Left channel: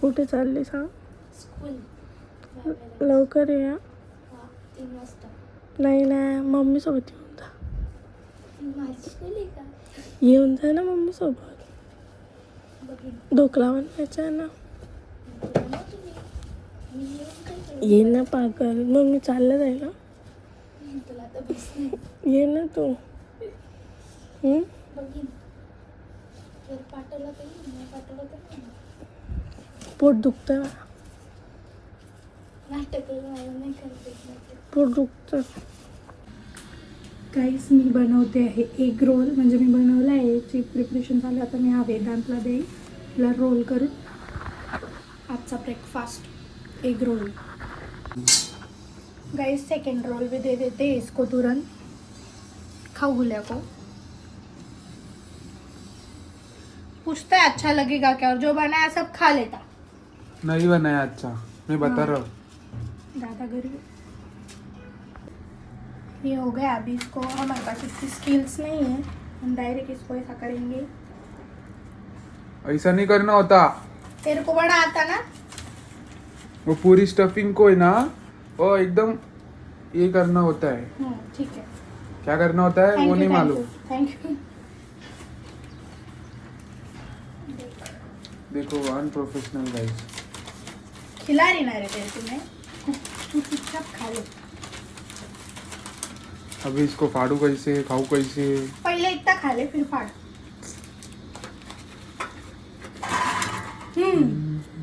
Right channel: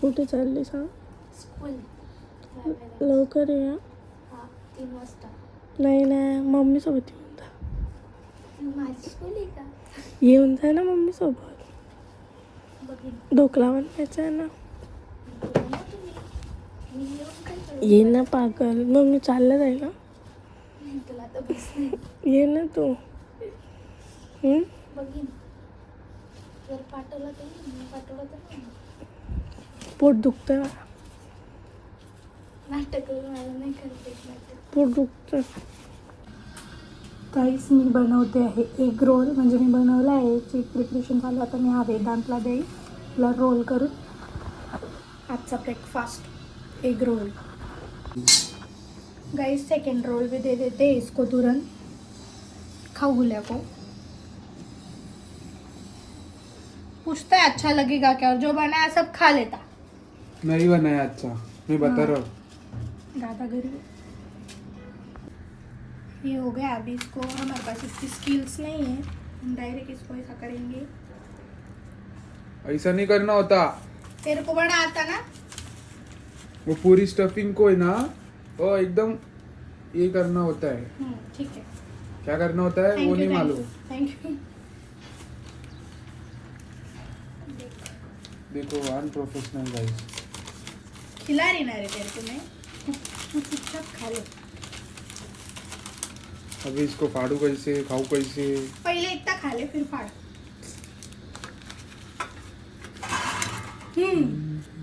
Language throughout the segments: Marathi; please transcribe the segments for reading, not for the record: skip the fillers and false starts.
कुठे चालली सांग? स्कूल. लवकर ये. 3 वाजता. नाही ना, मम्मी सोबत येऊन जा. माझी स्कूल आहे का? येऊन जा ना मम्मी सोबत. ढोकळा बनवायचा आहे ना. ये ना पागल, मग मी चाललं जाईल ना. तुला तर बस नाही. ये ना तू. बघीन जर पाठवला तर नाही पाठवला तर नाही. पोट दुखतं ना. नाटक मला नाही करते. पोट दुखतं. काहीच मी बनवते आहे एग रोल. म्हणजे मी बनवला आहे, याची प्रिपरेशन झालं. आता मी हा वेदांतला देईल तुला रोल करून. आजचा breakfast egg roll. Guys second roll भी दे देते हैं इसको तुरंत. खाओ गुलिया को. पूछता है अच्छा लगेगा क्या, और जो बनाया सब खा लेता. नहीं बनाया अच्छा, मैं बता रहा हूँ. दादागिरी. ये हो गया. अभी इसको, हमारे पास इतनी स्किल्स नहीं है, हम डायरेक्ट इसको ऐसा करेंगे. ऐसा नहीं करना होता. तेरे को बड़ा आता ना. वो पूरी स्टफिंग को है ना, वो एकदम ये करना होता है. ठीक है. क्या करना होता है वो नहीं मालूम. Thank you. देखो अनप्रोफेशनल गाइस. खिला रही ना रे तेरे को मैं. तू चुपचाप खा ले. अभी इसको फाड़ू कैसे, खाऊ कैसे. पहले इतना खा ले फिर फाड़.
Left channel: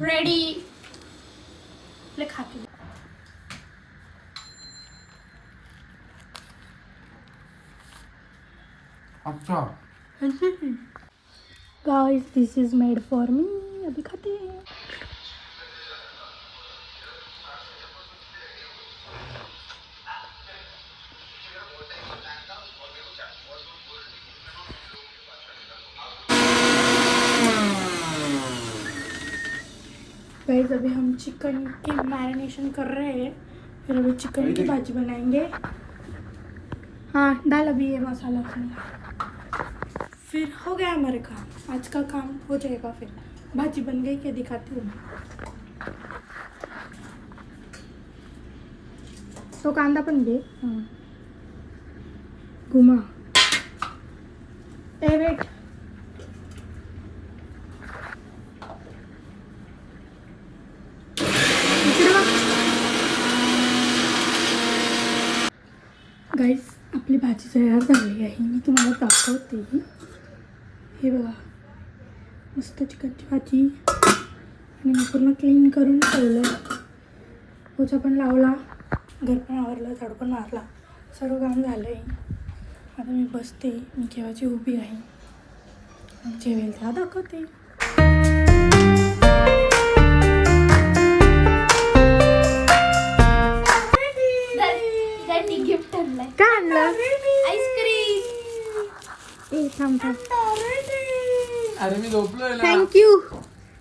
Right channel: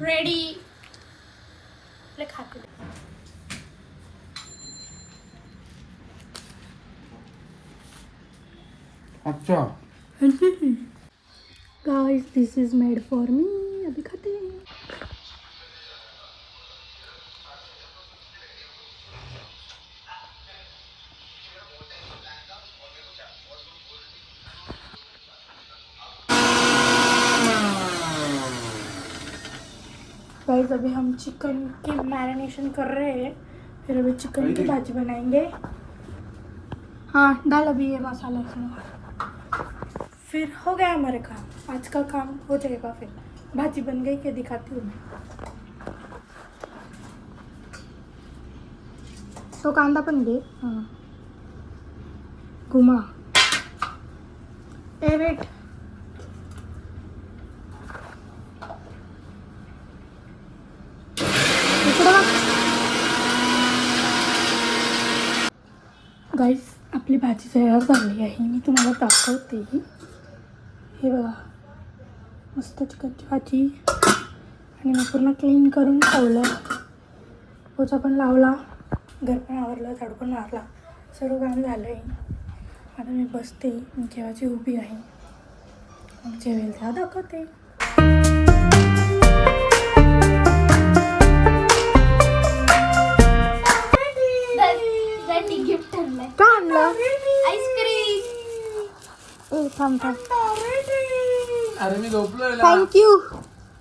रेडी. ले खा के. अच्छा guys this is made for me. अभी खाते हैं. गाइस अभी हम चिकन की मैरिनेशन कर रहे हैं. फिर अभी चिकन की भाजी बनाएंगे. हाँ डाल अभी ये मसाला उसमें. फिर हो गया हमारे काम. आज का काम हो जाएगा. फिर भाजी बन गई क्या दिखाती हूँ मैं. तो कांदा पण घे. हाँ घुमा. ए वेट. गाइस आपली भाजी तयार झाली आहे. मी तुम्हाला दाखवते. हे बघा मस्त चिकनची भाजी. आणि मी पूर्ण क्लीन करून ठेवलं. पोचा पण लावला, घर पण आवरलं, झाडू पण मारला, सर्व काम झालं आहे. आता मी बसते. मी केव्हाची उभी आहे. मग जेवेल तेव्हा दाखवते. गिफ्ट आणलंय. काय आणलं? आईस्क्रीम. ए थांब थांब. अरे मी झोपलोय ना. थँक्यू.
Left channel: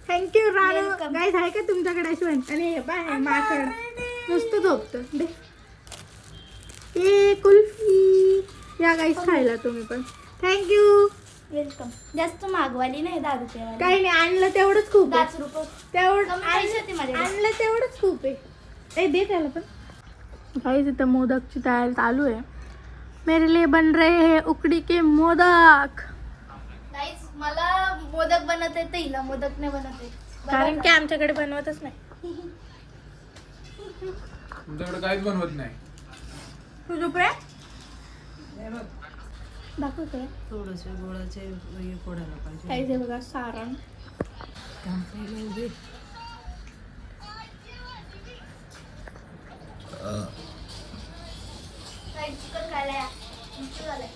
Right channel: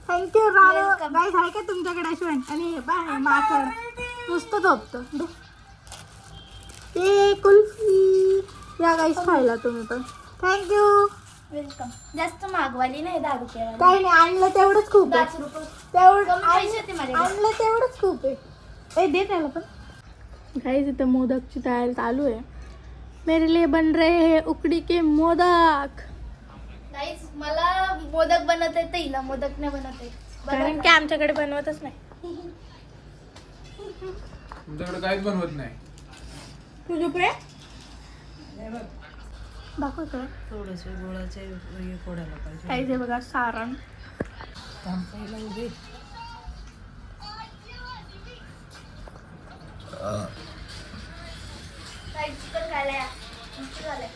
थँक्यू राणू. गाईस आहे का तुमच्याकडे अश्वन? आणि हे बाय माकड नुसतं झोपतं. ए कुल्फी. या गाईस खायला तुम्ही पण. थँक्यू. वेलकम. जास्त मागवाली नाही 10 रुपये. काही नाही, आणलं तेवढंच खूप आहे. 10 रुपये तेवढं कमी पैसे होते माझ्याकडे. आणलं तेवढंच खूप आहे. ए दे त्याला पण. गाईस इथं मोदकची तयारी चालू आहे. मेरे लिए बन रहे हैं उकड़ी के मोदक. गाईस मला मोदक बनवता येतं, हिला मोदक नाही बनवता येत. कारण की आमच्याकडे बनवतच नाही. तुमच्याकडे काहीच बनवत नाही. तू चुप रे. दाखवतोय थोडंसं गोळाचे हे फोडायला पाहिजे. काय ते बघा सारण. थांबायला उभे. काय चिकन खायला या. तुमचं झालंय.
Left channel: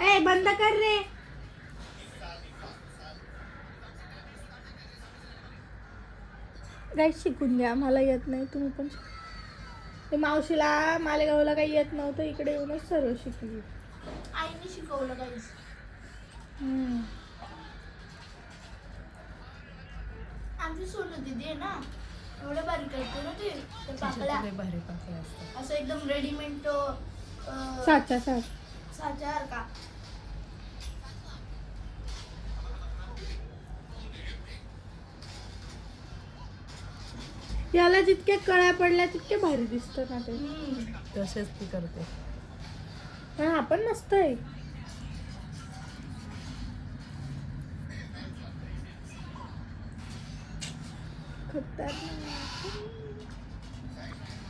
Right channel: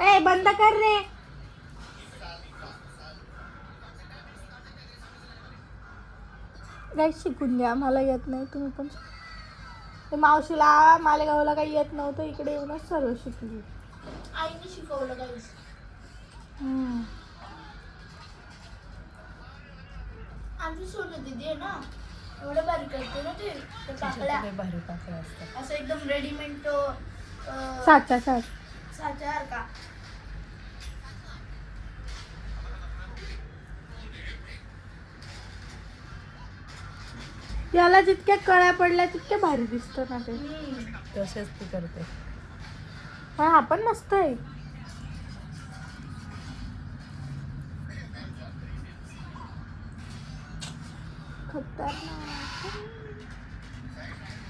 ए बंद कर रे. नाही शिकून द्या. मला येत नाही, तुम्ही पण शिका. मावशीला मालेगावला काही येत नव्हतं, इकडे येऊनच सर्व शिकली. आईने शिकवलं गाईस. आमची सोनू दीदी आहे ना, एवढं बारीक करतो ना ते त्या पाकळ्या लय भारी पाकळ्या असतात. असं एकदम रेडीमेड तो साचा साच्यासारखा. याला जितक्या कळ्या पडल्या तितके भारी दिसतो ना ते. तसेच ती करते. पण हा पण मस्त आहे.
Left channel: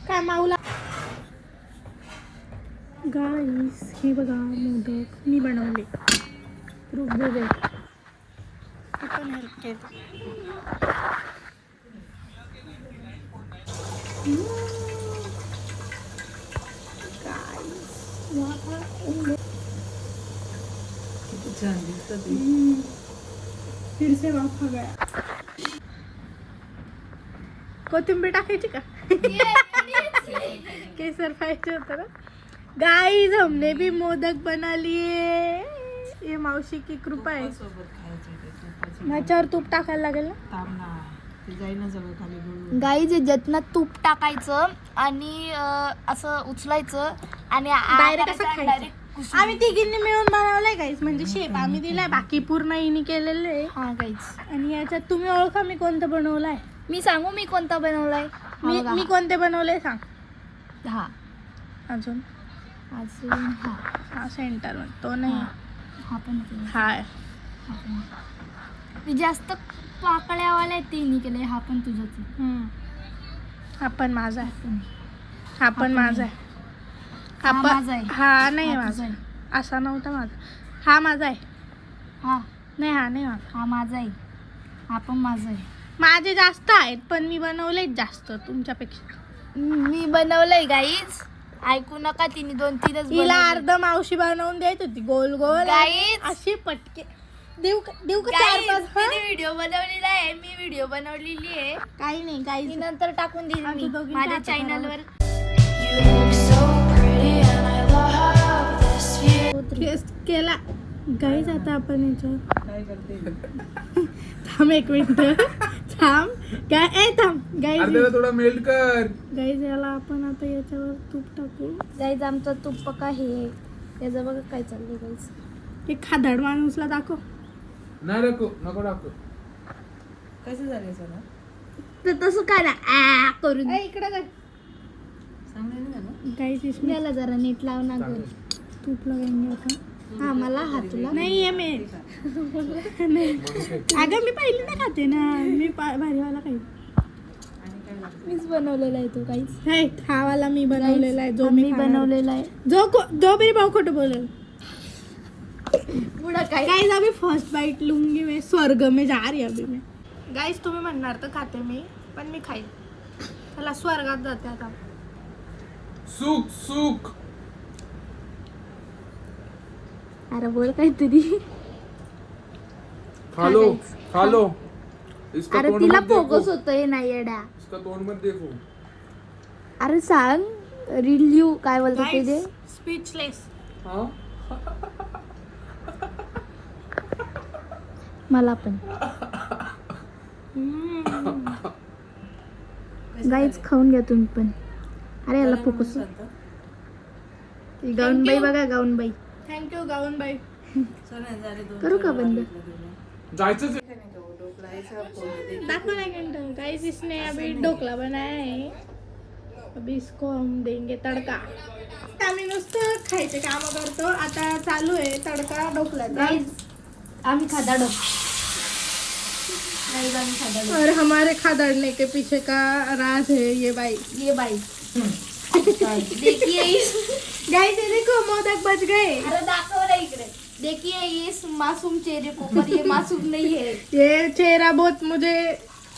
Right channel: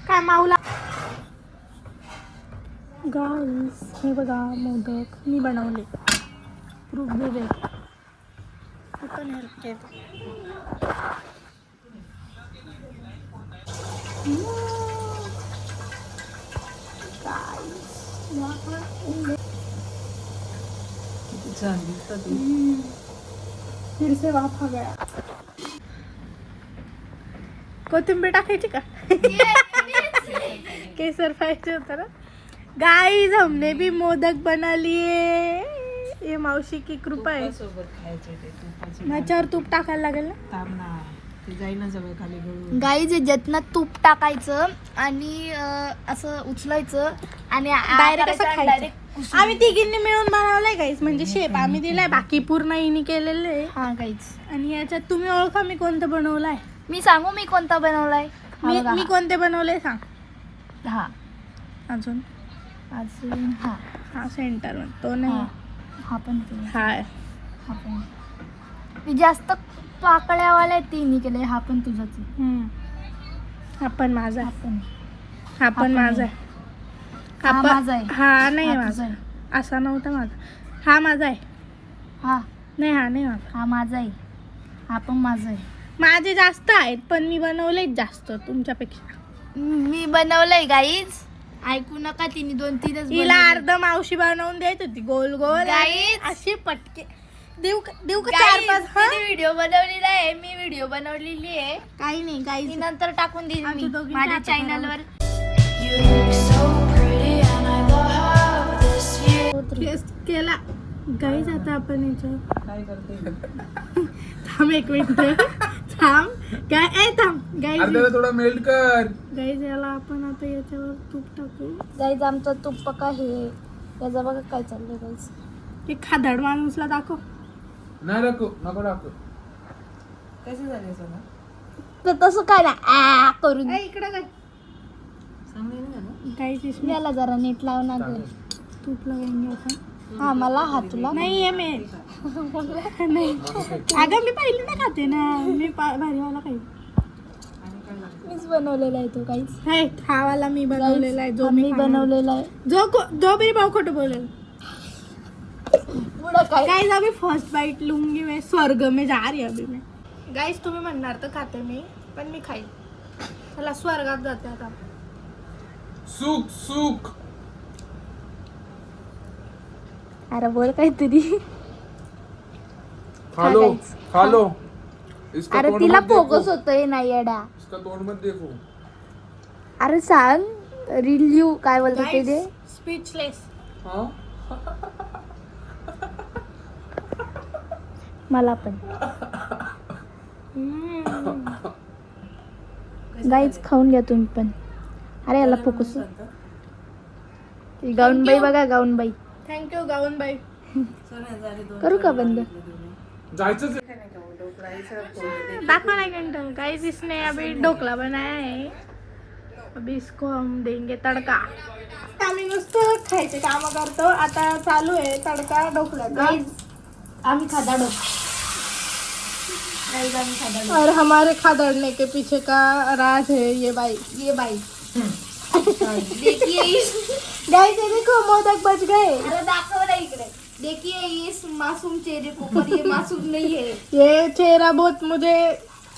काय माऊला गाईस हे बघा मोदक मी बनवले. रूप दे आपण हेल्प केली. झाली कधी. फिर से वाफा गया. कोथिंबीर टाकायची का? केसर पाहिजे होता ना. गाइस हमने भी मोदक बना लिए. ये मावशी की कृपा आहे. सोबत खायचे ते तुपाचे. माझ्यावर तूप टाकायला लागेल ना. थांब ना, ते जाईल ना सगळं खाली गळून. गाईज याच्यातनं तूप टाकायचं आणि असं उचलायचं आणि Direct असं खायचं. आम्ही तिघींनी मिळून बनवलंय गाईस. म्हणजे शेप आम्ही दिलाय, बाकी पूर्ण हिने केलेलं आहे. हा गाईज आणि याच्यात तुम्ही ओळखा मी कोणतं बनवलंय. मी सांगू मी कोणता बनवलाय. हा बघा. मी कोणते बनवले सांग. हा अजून अजून हा हा सेंटर तो नाही. हा पण केला. हाय हा पण मी जास्त पाकळ्यावाल्या तिन्ही केले. हा पण तुझाच आहे. हा पण माझा हा आहे. पण हा पण माझा आहे. हा पण- माझा आहे. हा नाही हा माझा. तुझा आहे. असा नव्हता माझा. हा माझा आहे. हा नाही हा नाही माझा. हा माझा आहे. हा पण माझा आहे. माझे जास्त आहेत पण मी बनवलेच जास्त तुमच्यापेक्षा. मी बनवलंय गाईज. ऐकू नका तिने 2-3च तिला अर्ध मावशी बनवून देत होती गोल गोल. गाईज अशी पटके देऊ का 4-5. व्हिडिओ बनवलेला आहे. मी व्हिडिओ बनवलेली आहे. काही नाही ती गाईज. नंतर टाकून देईन आमच्या मी दोघींच्या माझ्या हातात चॅनलवर. टेस्ट केला गाईज. आता आपण याच्यावर काय करते. थांब एक मिनिट. थांब काय थांब गाईज. अर्ध्याला थोडा मेल्ट कर. गाईज याला आपण आता याच्यावर तूप टाकू. गाईज आमचा तूप पका हे त्याचा बघा काय चाललंय गाईज. ते खादड माणूसला दाखव. नाही नको नको टाकू. कसे झाले सगळं तर तसं काय ना आ करून इकडे काय सांगेन ना. गाईज इसमें याला जरा नीट लावून आणलं. तूप लगाएंगे आता. हा मला हात तुला नाही ये मी नाही. अगं मी पहिली नाही खाते ना. मी भारीवाला खाईल. आणि काय लागतं. मीच बनवलेला आहे तो काहीच. हे हा वाला मी बनवलेला आहे. जो मी मी बनवलेला आहे. जो मेरी भाऊ खोटं बोलेल. पुढं काय गाइस अभी फर्स्ट बाइट लूंगी मैं. स्वर्ग में जा रही अभी मैं. गाइस तुम्ही म्हणणार तर खाते मी पण मी खाईल. चला स्वर्गात जाते आता. सुक सुक. अरे बोल काहीतरी. खा लो guys, खा लो. इसका अरे तोंड तिला मत देखो. फोकस होतोय नाही येड्या. इसका तोंड मत देखो. अरे सांग रिल्यू काय बोलतो ते दे. स्पीचलेस. हाँ मला पण गाईच खाऊन घ्या तुम्ही पण. अरे याला फोकस. गाऊनबाई बघा गाऊनबाई. थँक्यू गाऊनबाई. करू का बंद. जायचंच. दाखो ना घंटा. गाइस इसने अभी ढोकला बनाया है. अभी इसको हम देंगे तड़का. आम्ही नुसतं खायचे काम करतो. आता चालू आहे तडका ढोकल्याचा. आम्ही खादा और हमारे खादड़ने के पीछे का राज है ये बाई. ये बाई देखिए इस गाइस ये देखो मोदक बच गए. अरे दाखव ना इकडे. देखिए इस मासूम चेहरे को पर ये मासूम नहीं है. ये चेहरा बहुत मुझे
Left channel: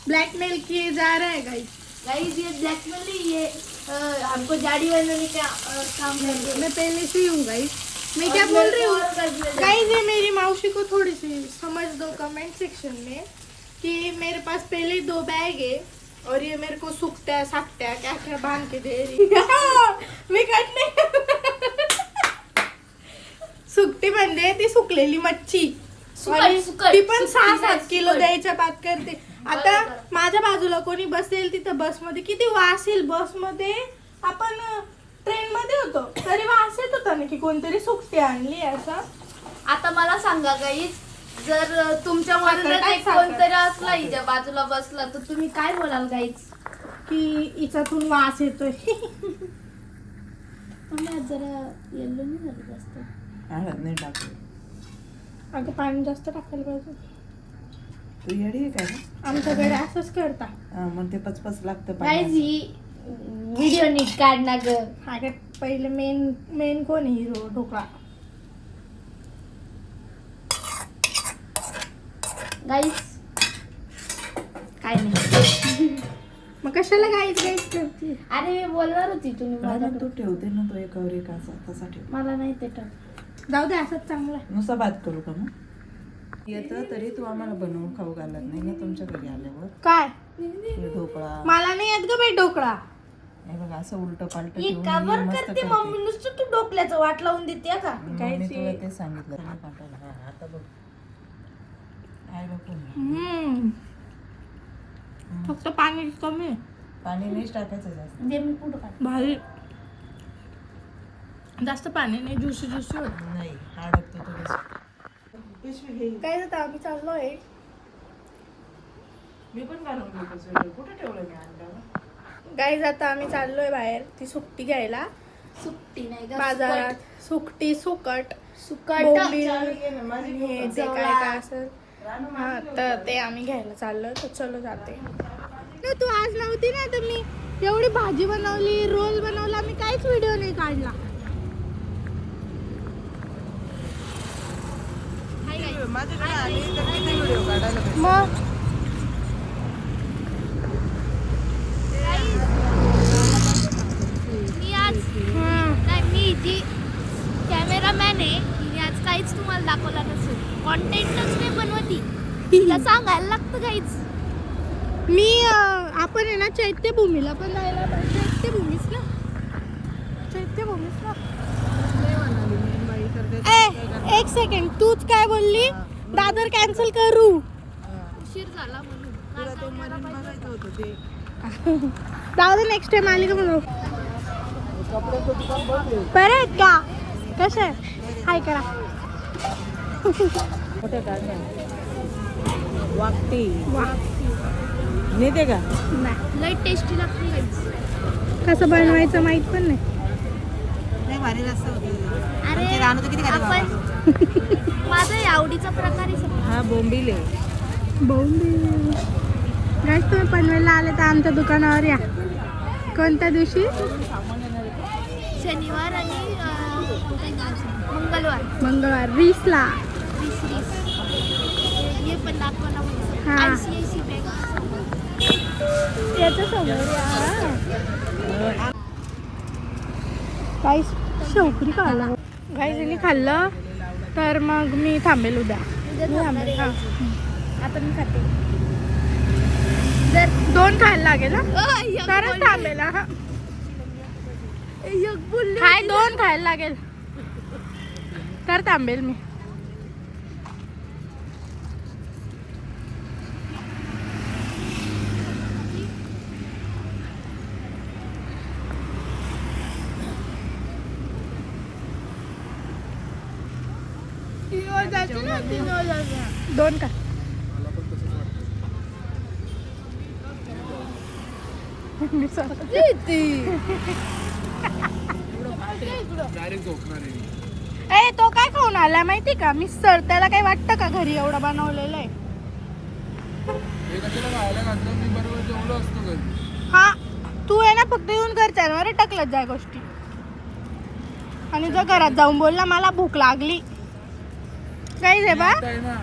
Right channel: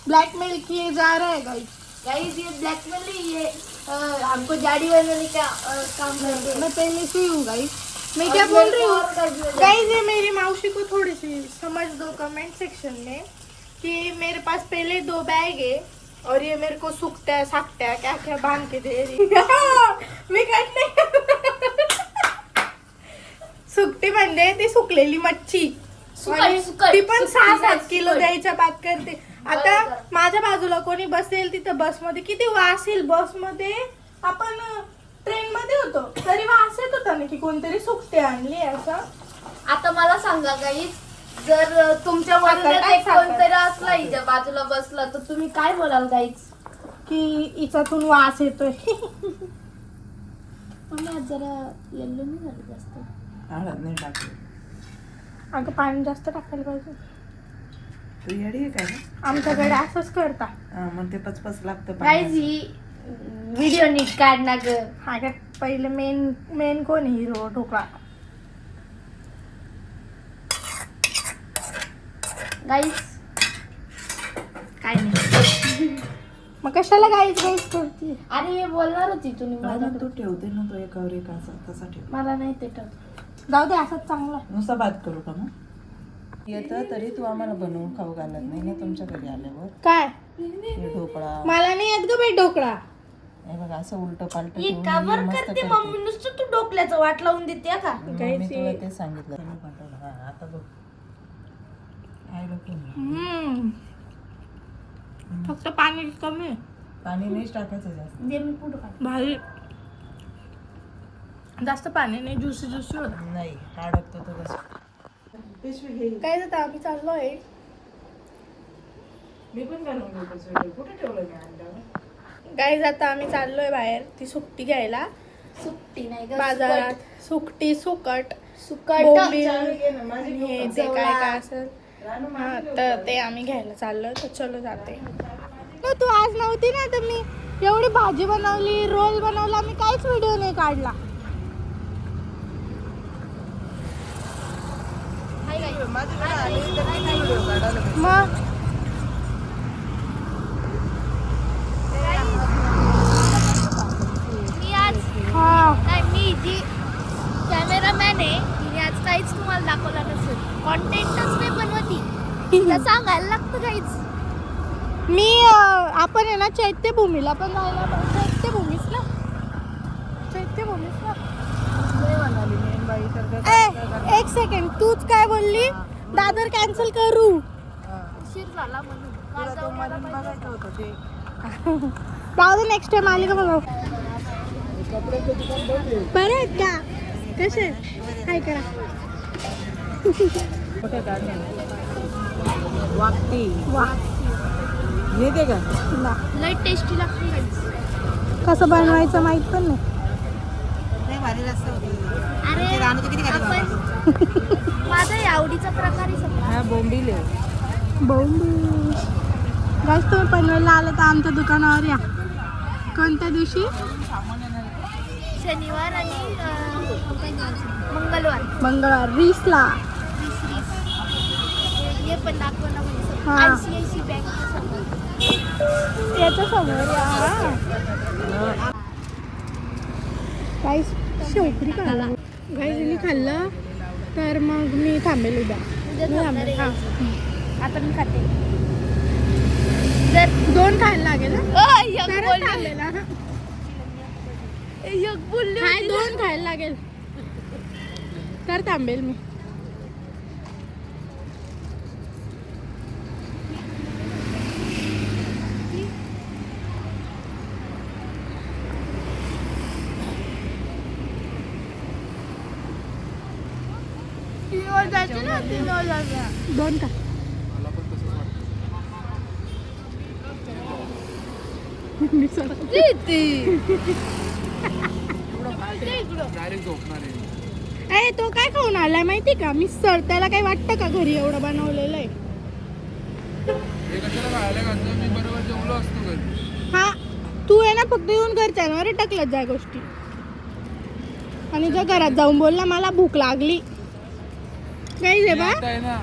ब्लैकमेल किए जा रहा है गाइस. गाइस ये ब्लैकमेल नहीं ये हमको जाड़ी बनाने का काम कर रहे हैं. मैं पहले से ही हूँ गाइस. मैं क्या बोल रही हूँ गाइस. ये मेरी मौसी को थोड़ी सी समझ दो कमेंट सेक्शन में कि मेरे पास पहले 2 बैग है और ये मेरे को सुकटा साकटा क्या क्या बांध के दे रही. मी काढणे. सुकटी म्हणजे ती सुकलेली मच्छी. आणि ती पण 6-7 किलो द्यायच्या बात करते. आता माझ्या बाजूला कोणी बसेल तिथं बसमध्ये किती वास येईल बसमध्ये. आपण ट्रेन मध्ये होतो तरी वास येत होता ना की कोणतरी सुकटी आणली असं. आता मला सांगा गाईज, जर तुमच्या मधून कोणतरी असला हिच्या बाजूला बसला तर तुम्ही काय बोलाल गाईज? की हिच्यातून वास येतोय. तुम्ही आज जरा येल्लो नाही झाले जास्त. हळद नाही टाकली. अगं पाणी जास्त टाकायला पाहिजे. तू येडी आहे काय? आमच्याकडे असंच करता. मग ते पचपच लागतं गाईज ही व्हिडिओ नीट काढ ना ग. अगं पहिले मेन कोण आहे हिरो ढोकळा. गाईज काय नाही. मग कशाला गाईच करते. अरे मी बोलणार होती तुम्ही मग माझ्याकडे. तू ठेवते ना तो एकावर एक असा तसा ठेव. मला नाही ते टप. जाऊ दे असंच चांगलं आहे. नुसता भात करू का मग? येतं तरी तू आम्हाला बनवून खाऊ घालत नाही ना तुमच्याकडे आल्यावर. काय हे ढोकळा मला नाही येत ग बाई ढोकळा. हे बघा असं उलट पालट ही का बरं करते मम्मी? नुसतं तू डोकल्याचं वाट लावून देते का? मी तुला ते सांगितलं. हा, आता बघ काय डोकं नाही. फक्त पाणी कमी आहे. पाणी नाहीच टाकायचं जास्त. दे मी पुढं काढ. भारी जास्त पाणी नाही ज्युसी ज्युसी नाही अडकतो तो कसं. काय जातं आम्ही चाललो आहे. मी पण घालून घेतो स्वेटर. कुठे ठेवलं मी अंड्यावर? काय जातं आम्ही चाललोय बाहेर ती सुकटी घ्यायला सुट्टी नाही ग. बाजारात. सुकटी सुकट सुकट. बोंबील आणि हे ते काय काय असेल. हा तर ते आम्ही घ्यायला चाललोय तर चलो जाते. तू आज नव्हती ना तर मी एवढी भाजी बनवली रोल बनवला मी काहीच व्हिडिओ नाही काढला. मग मी आज नाही, मी जी कॅमेरामॅन आहे तिने आज काहीच तुम्हाला दाखवला नसेल. कॉन्टेंटच नाही बनवती. तिला सांगायला लागतं काहीच. मी आपण आहे ना चैत्यभूमीला पण जायला पाहिजे. चैत्यभूमीच ना नाही म्हणाली मेन बाई तर ते एक सेकंड तूच काय बोलली दादर कॅन्सल करू. उशीर झाला म्हणून. काल तुला ते जाऊन यायला मरीन पाहिजे. बघायचं होतं ते. जाऊ दे नेक्स्ट टाइम आली का बघा. बरे आहेत का कसे हाय करा. कुठे काढले वाकटी नेते का? लय टेस्टी लागते guys. कसं बनवायचं माहित पण नाही. नाही भारी रस्ता होती. अरे आपण माझा आवडीचा प्रकार आहे सगळा. हा बोंबील आहे. जास्त तुम्ही पनवेलला आले तर आमच्या दुकानावर या. कोणत्या दिवशी? शनिवार आणि मंगळवार रीसला. हे पण दाखवणं म्हणजे हा. ICICI बँक समोर. याचं समोर गाईस शेवकरी खाल्ला. गाईजनी खाल्लं तर मग मी थांबेल उद्या. उद्या मी थांबणार थांबेल आहे. हा. आता मी खाते. जर 2 खायला लागेल ना एक तरच बोलली. थांबेल हा. एक बोलली काय होती. 2 खायला लागेल तर थांबेल मी. तीनवर जायचं ना, तीनवर जायचं. 2 का मला पण तसंच वाटतं. मी चला. डायरेक्ट झोपणार आहे. ए तो काय खाऊन आला माहिती का मी सर त्याला काय वाटतं का घरी एवढं बनवलेलं आहे. हे कशाला खायला घातलं? मी बरोबर जेवलो असतो घरी. हा तू आहे ना फक्त येऊन घरच्यांवर टाकलत जा गोष्टी आणि जर घरात जाऊन बोलला मला भूक लागली काही दे बा. आता आहे ना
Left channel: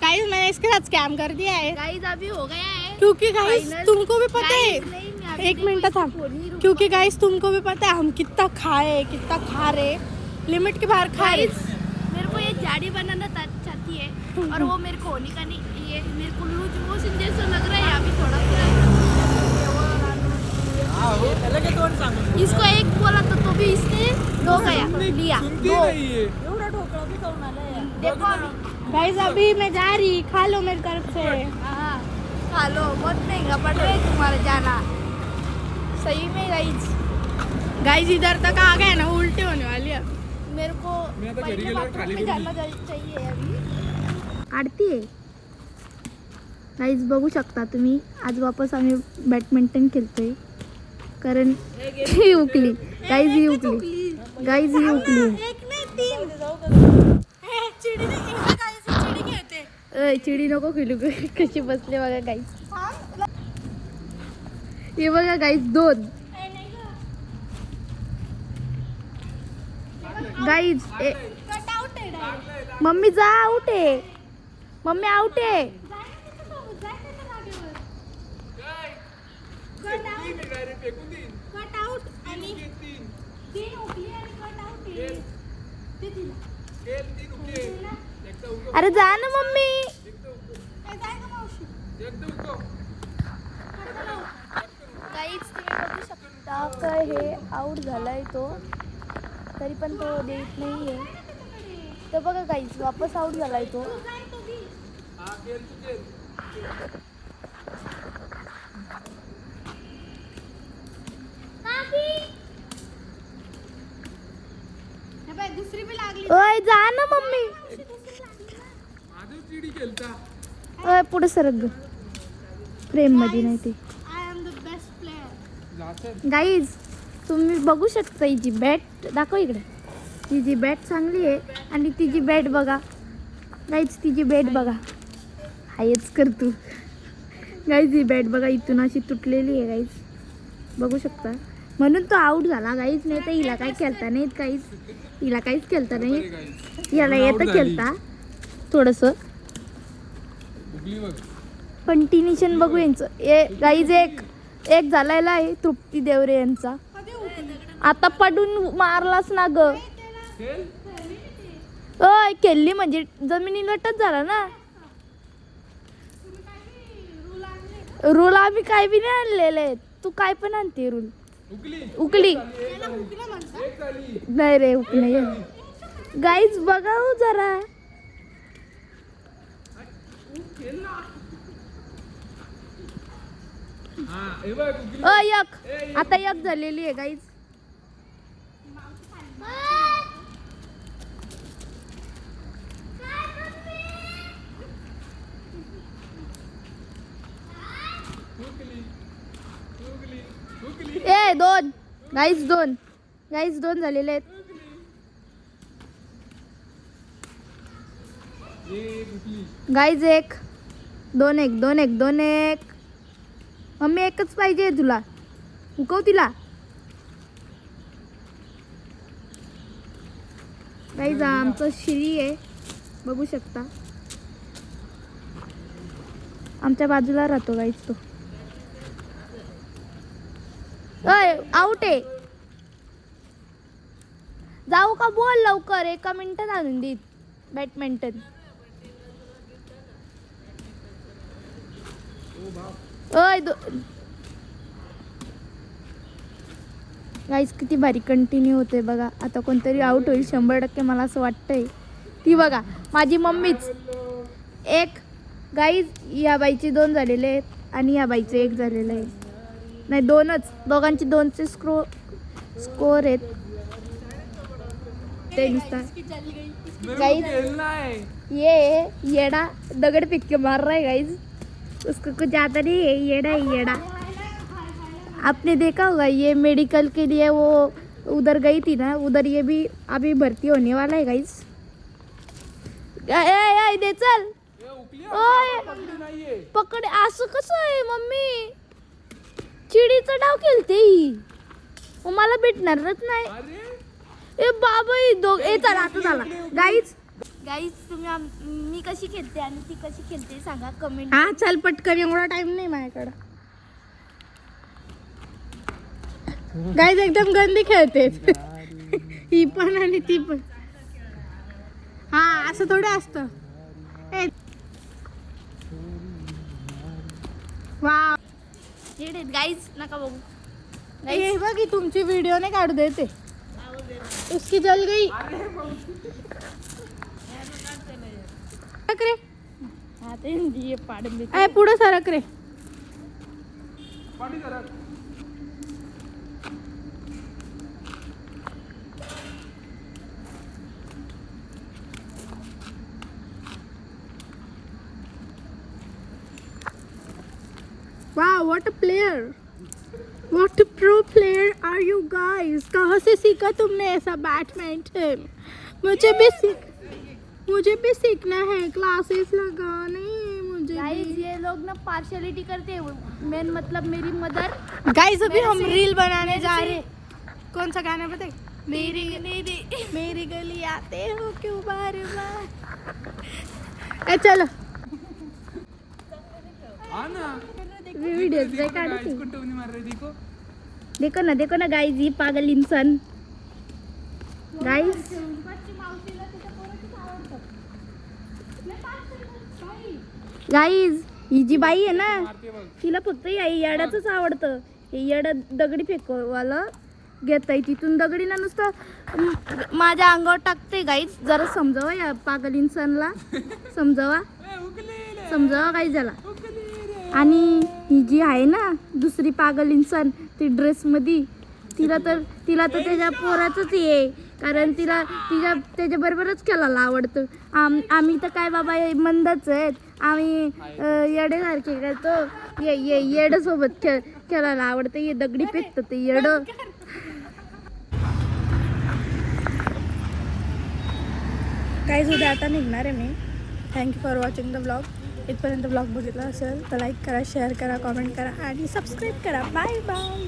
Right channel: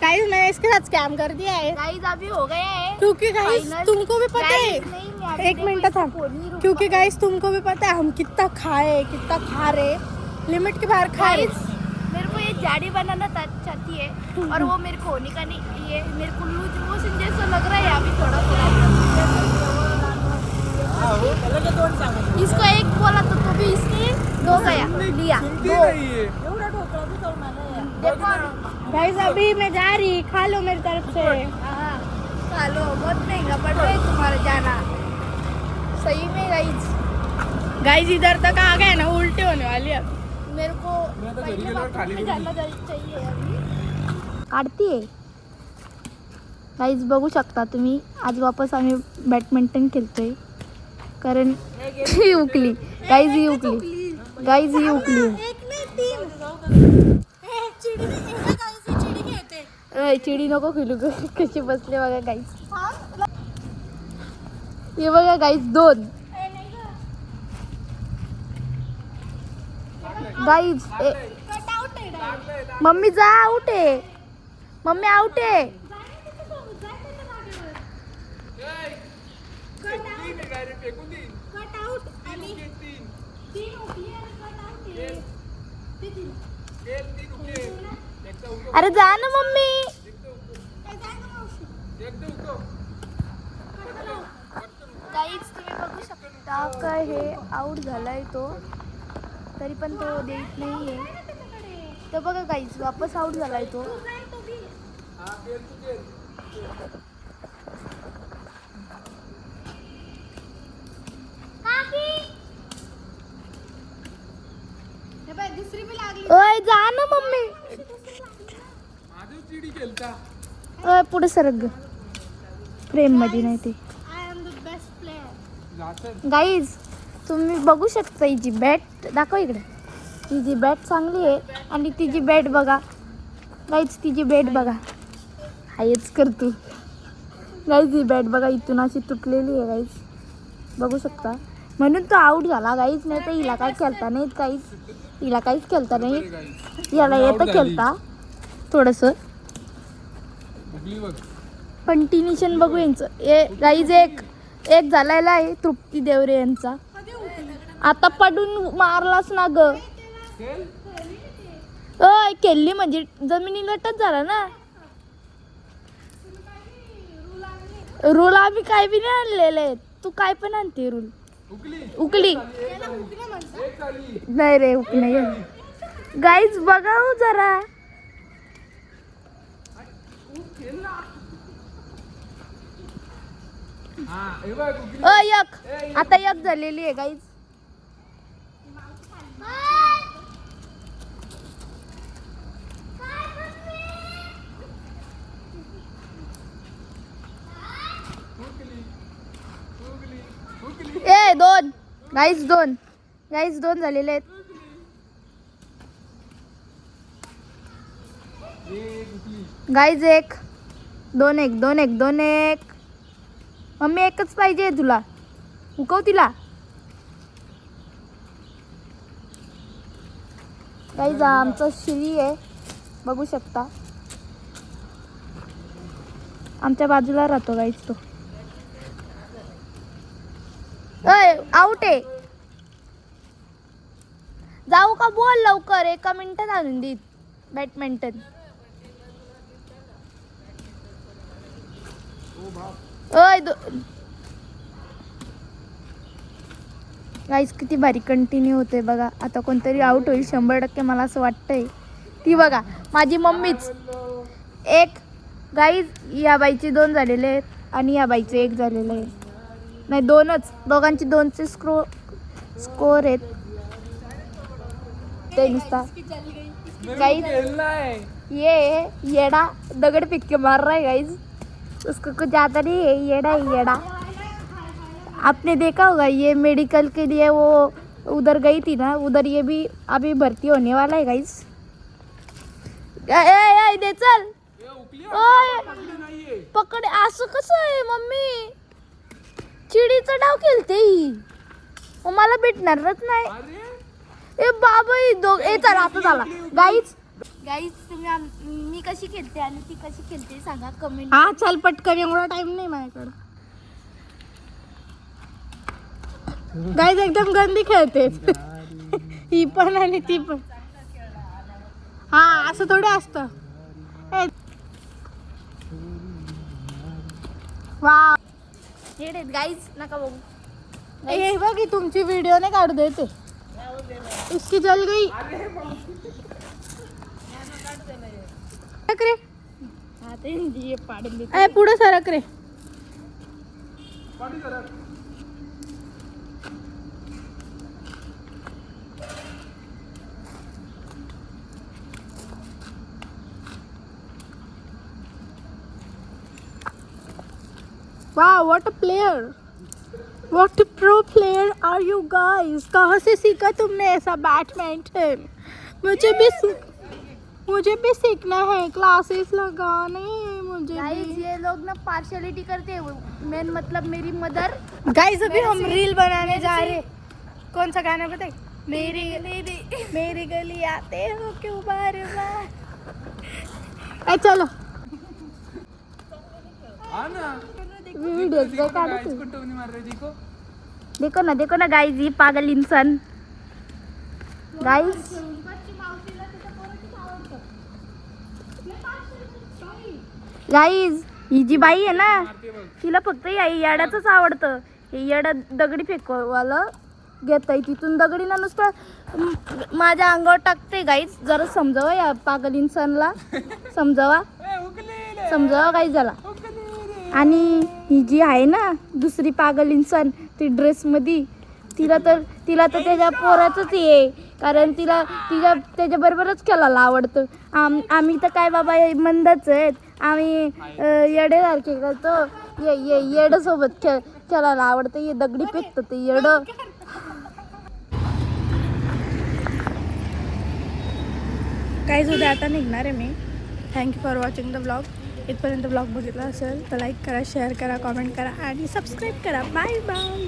गाइस मैंने इसके साथ स्कैम कर दिया है गाइस अभी हो गया है. क्योंकि गाइस Final. तुमको भी पता Guys, है नहीं, मैं अभी एक देखो मिनट इसको था फोन नहीं रुका. क्योंकि गाइस तुमको भी पता है हम कितना खाए कितना खा रहे लिमिट के बाहर खा रहे. Guys, मेरे को ये जाड़ी बनाना चाहती है और वो मेरे को होने का नहीं. ये मेरे को लूज मोशन जैसा लग रहा है अभी थोड़ा. इसको एक बोला तो अभी इसने 2 गया लिया सुनती 2 नहीं है एवढा ढोकळा बी खाऊन आला यार. देखो गाइस अभी मैं जा रही, खा लो मेरी तरफ से. हाँ, खा लो, बहुत महंगा पड़ रहा है तुम्हारा जाना सही में गाइस. गाइस इधर तक आ गए ना, उल्टी होने वाली है. मेरे को मैं तो पहले घरी गेल्यावर बाथरूम खाली में करून जाना चाहिए अभी. काढतीये गाईज, बघू शकता तुम्ही. आज वापस आम्ही बॅडमिंटन खेळतोय कारण ही उकली गाईज, ही उकली गाईज, ही उकली. चिडी नको खेळू ग. कशी बसले बघा गाईज. हे बघा गाईज 2 गाईज. मम्मी जा, आउट आहे मम्मी, आउट आहे. अरे जा ना मम्मी. काय हे आउट झालाय तो, तरी पण तो देत नाहीये. तर बघा गाईस, वापस आउट झालाय तो. ओय जा ना मम्मी. चिडी खेळता ओय पुढे सरक ग. फ्रेम मध्ये नाही ते. गाईज, तुम्ही बघू शकता हिची बॅट. दाखव इकडे. हिची बॅट चांगली आहे आणि तिची बॅट बघा गाईज, तिची बॅट बघा. हायच कर तू. गाईज ही बॅट बघा इथून अशी तुटलेली आहे गाईज, बघू शकता. म्हणून तो आउट झाला गाईज. नाही तर हिला काय खेळता नाहीत काहीच, हिला काहीच खेळता नाही. याला येतं खेळता थोडंसं. कंटिन्युशन बघू यांचं. गाईज एक झालेला आहे तृप्ती देवरे यांचा. आता पडून मारलाच ना ग. ओय खेळली म्हणजे जमिनीलटच झाला ना. रूल आम्ही काय बी नाही आणलेले. तू काय पण आणते रूल. उकली नाही रे, उकली गाईज. बघा हो जरा. एक आता एक झालेली आहे गाईज. ए 2 गाईज, 2 गाईज, 2 झालेले आहेत. गाईज 1 2 1 2 1 2 1. मम्मी एकच पाहिजे तुला. उकव तिला. गाईज आमचा श्री आहे, बघू शकता. आमच्या बाजूला राहतो गाईज तो. आउट आहे. जाऊ का बोल लवकर. 1 मिनिटात आणून देत बॅडमिंटन. गाईज किती भारी कंटिन्यू होते बघा. आता कोणतरी आउट होईल 100%, मला असं वाटतंय. ती बघा माझी मम्मीच. 1 गाईज, या बाईचे 2 झालेले आहेत आणि या बाईचे 1 झालेलं आहे. नाही 2च, दोघांची 2चे स्कोर आहेत. ते नुसता ये येड़ा दगड़ फेंक के मार रहा है गाइज. उसको कुछ आता नहीं है. येड़ा है येड़ा. आपने देखा होगा ये मेडिकल के लिए वो उधर गई थी ना, उधर ये भी अभी भर्ती होने वाला है गाइज. दे चल. पकड. असं कसं आहे मम्मी. चिडीचा डाव खेळते ही. मला भेटणारच नाही. ए बाबा चला आता झाला. गाईज तुम्ही मी कशी खेळते आणि ती कशी खेळते सांगा कमेंट. हा चल पटकन, एवढा टाइम नाही माझ्याकडं. गाईज एकदम गंदी खेळते ही पण आणि ती पण. हा असं थोडं असतं. वा गाईज नका बघू. हे बघ तुमची व्हिडिओ नाही काढू देते. उसकी जल गई. सरक रे. ए, पुढे सरक रे. Wow, what a player! What a pro player are you guys? कहाँ से सीखा तुमने ऐसा बैडमिंटन? मुझे भी सीखना है. क्लासेस लगाने मुझे. गाइस ये लोग ना पार्शियलिटी करते हैं. मेन मतलब मेरी मदर. गाइस अभी हम रील बनाने जा रहे. कौन सा गाना बताए? मेरी गली आते हो क्यों बार बार. चलो वीडियो देखो ना गाइस, ये पागल इंसान. गाइस ही जी बाई आहे ना, तिला फक्त येड्याच आवडतं. हे येडा दगडी फेकवाला घेताय तिथून दगडी ना नुसतं माझ्या अंगावर टाकते. गाईज जरा समजावा या पागल इंसानला. समजावा गाईज झाला. आणि ही जी आहे ना दुसरी पागल इंसान, ती ड्रेसमध्ये, तिला तर त्याच्या पोराचंच आहे. कारण तिला त्याच्याबरोबरच खेळायला आवडतं. आम्ही तर काय बाबा मंदच आहेत. आम्ही येडेसारखे करतो. येड्यासोबत खेळायला आवडतं. ये दगडी फेकतं ते येडं. काहीच उद्या आता निघणार आहे मी. Thank you for watching the blog. इथपर्यंत ब्लॉग बघितला असेल तर लाईक करा, शेअर करा, कॉमेंट करा आणि सबस्क्राईब करा. Bye bye.